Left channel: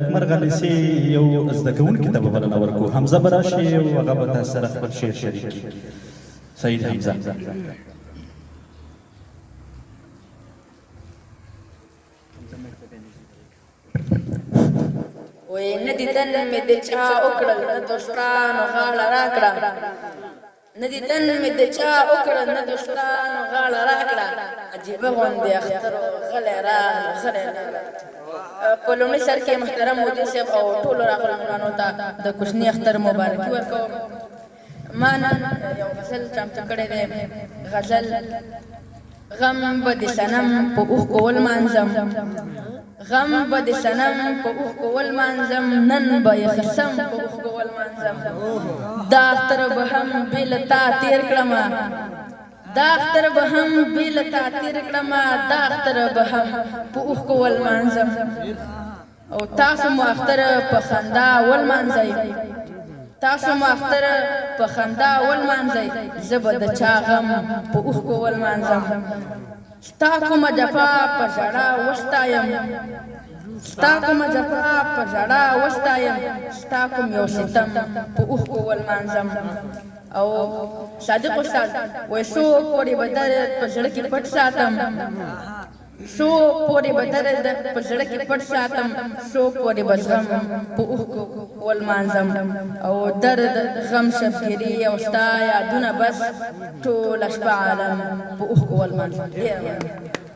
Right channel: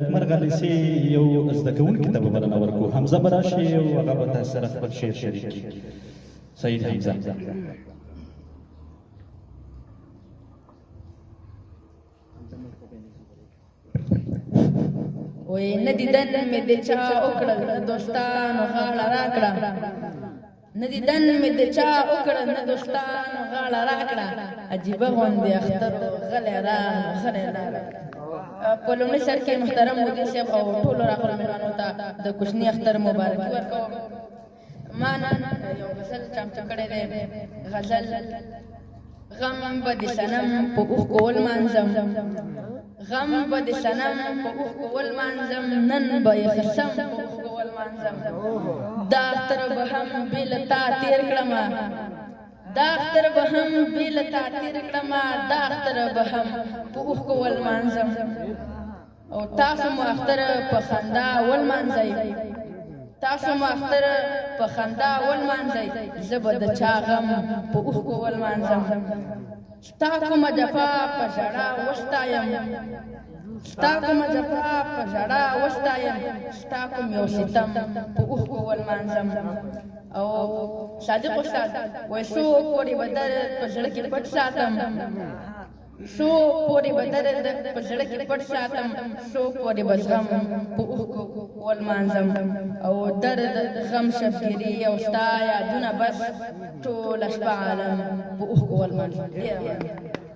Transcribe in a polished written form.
مرغلسي یو زده کوونکي ته به بلنه ورکړو حمزه به راشي او هغه به تاسو سره خپل شعر شریک کړي سعید حمزه وای نه دیدن مې د چا وکړل نه دوستانو غاړه راکړه نه دیدن مې د چا وکړل نه دوستانو غاړه راکړه عجیبه غوندې اختر غلی راغلی په لومړي سر کې محترم مدیر صاحب او ټولو راغلو مېلمنو ته د کوچني اختر مبارکي ورکوم ما نن یو غزل چمتو کړی دی غزل غم به د صنم په اوښکو ولمانځم غم به د صنم په اوښکو ولمانځم نن به یې خصم په اوښکو ولمانځم دا اختر به هم بې له تا تېر کړمه دا اختر به هم بې له تا تېر کړمه دا اختر به هم په اوښکو ولمانځم او تاسو مو اختر په خندا ولمانځئ تاسو مو اختر په خندا ولمانځئ زه به د چا غم په اوښکو ولمانځم ستا کومه جفا په ژړا وستایم ستا کومه جفا په ژړا وستایم ستا کوم یو ستم په اوښکو ولمانځم او صادق استاد وایي څو پورې به درد په زړه کې پټ ساتم څو پورې به درد په زړه کې پټ ساتم څو پورې به زغم په اوښکو ولمانځم او درد غم شفګیري او ستا یادونه بس ټوله شپه عالم په اوښکو ولمانځم